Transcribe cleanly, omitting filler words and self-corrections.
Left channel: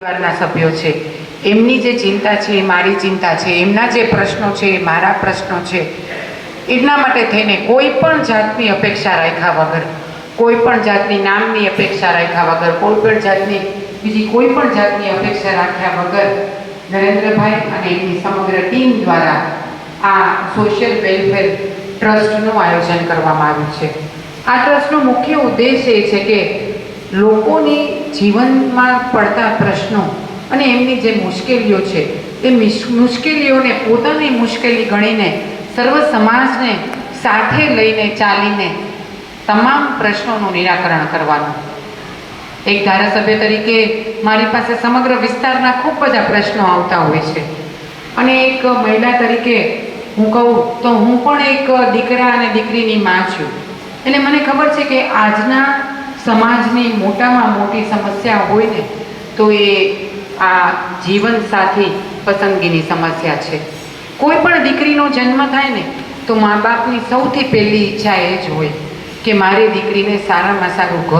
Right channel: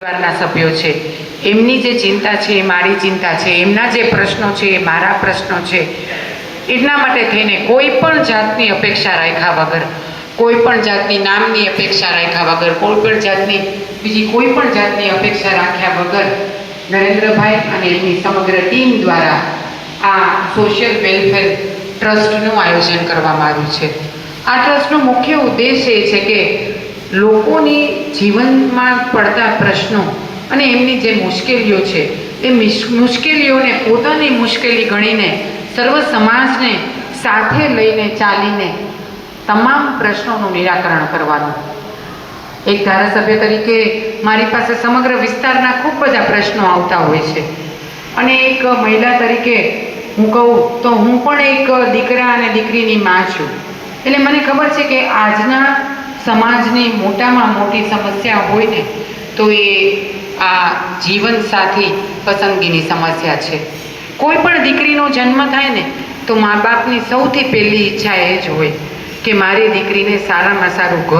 પરિવારના સભ્યો છે એમની જે ચિંતા છે એ મારી ચિંતા છે, એમના જે પ્રશ્નો છે એ મારા પ્રશ્નો છે. એટલા માટે થઈને કોઈ પણ જાતની અપેક્ષા રાખ્યા વગર, કોઈ પણ જાતની નામની અપેક્ષા રાખ્યા વગર, કોઈ પણ જાતની બીજી કોઈ પણ જાતની અપેક્ષા રાખ્યા વગર નરેન્દ્રભાઈ અને એમની સમગ્ર ટીમ દ્વારા આ સોશિયલ વેલફેર ટ્રસ્ટનું આયોજન કરવામાં આવ્યું છે. આ ટ્રસ્ટનો મુખ્ય ઉદ્દેશ એ છે કે લોકોની જીવનમાં પડતા પ્રશ્નો અને એમની જે મુશ્કેલીઓ છે એ મુશ્કેલીઓને પોતાની મુશ્કેલી ગણીને સર્વ સમાજને સાથે લઈને ચાલીને તમામ પ્રશ્નોનું નિરાકરણ કરવાનું. એક ધારાસભ્ય તરીકે મારી પાસે સમગ્ર વિસ્તારના ખૂબ બધા પ્રશ્નો આવતા હોય છે અને એક મહિલા તરીકે હું કહું તો હું પણ એક દીકરા અને દીકરીની માં છું. એટલે મને ખબર છે કે આજના સમાજની મોટામાં મોટી સમસ્યા હોય ને તો એ આ જીવનસાથી પસંદગીની સમસ્યા છે. કોઈ પણ દીકરીનો જન્મ થાય ને તો મા બાપની સૌથી પહેલી ઈચ્છા એ જ હોય કે મારી દીકરીને સારામાં સારું ઘર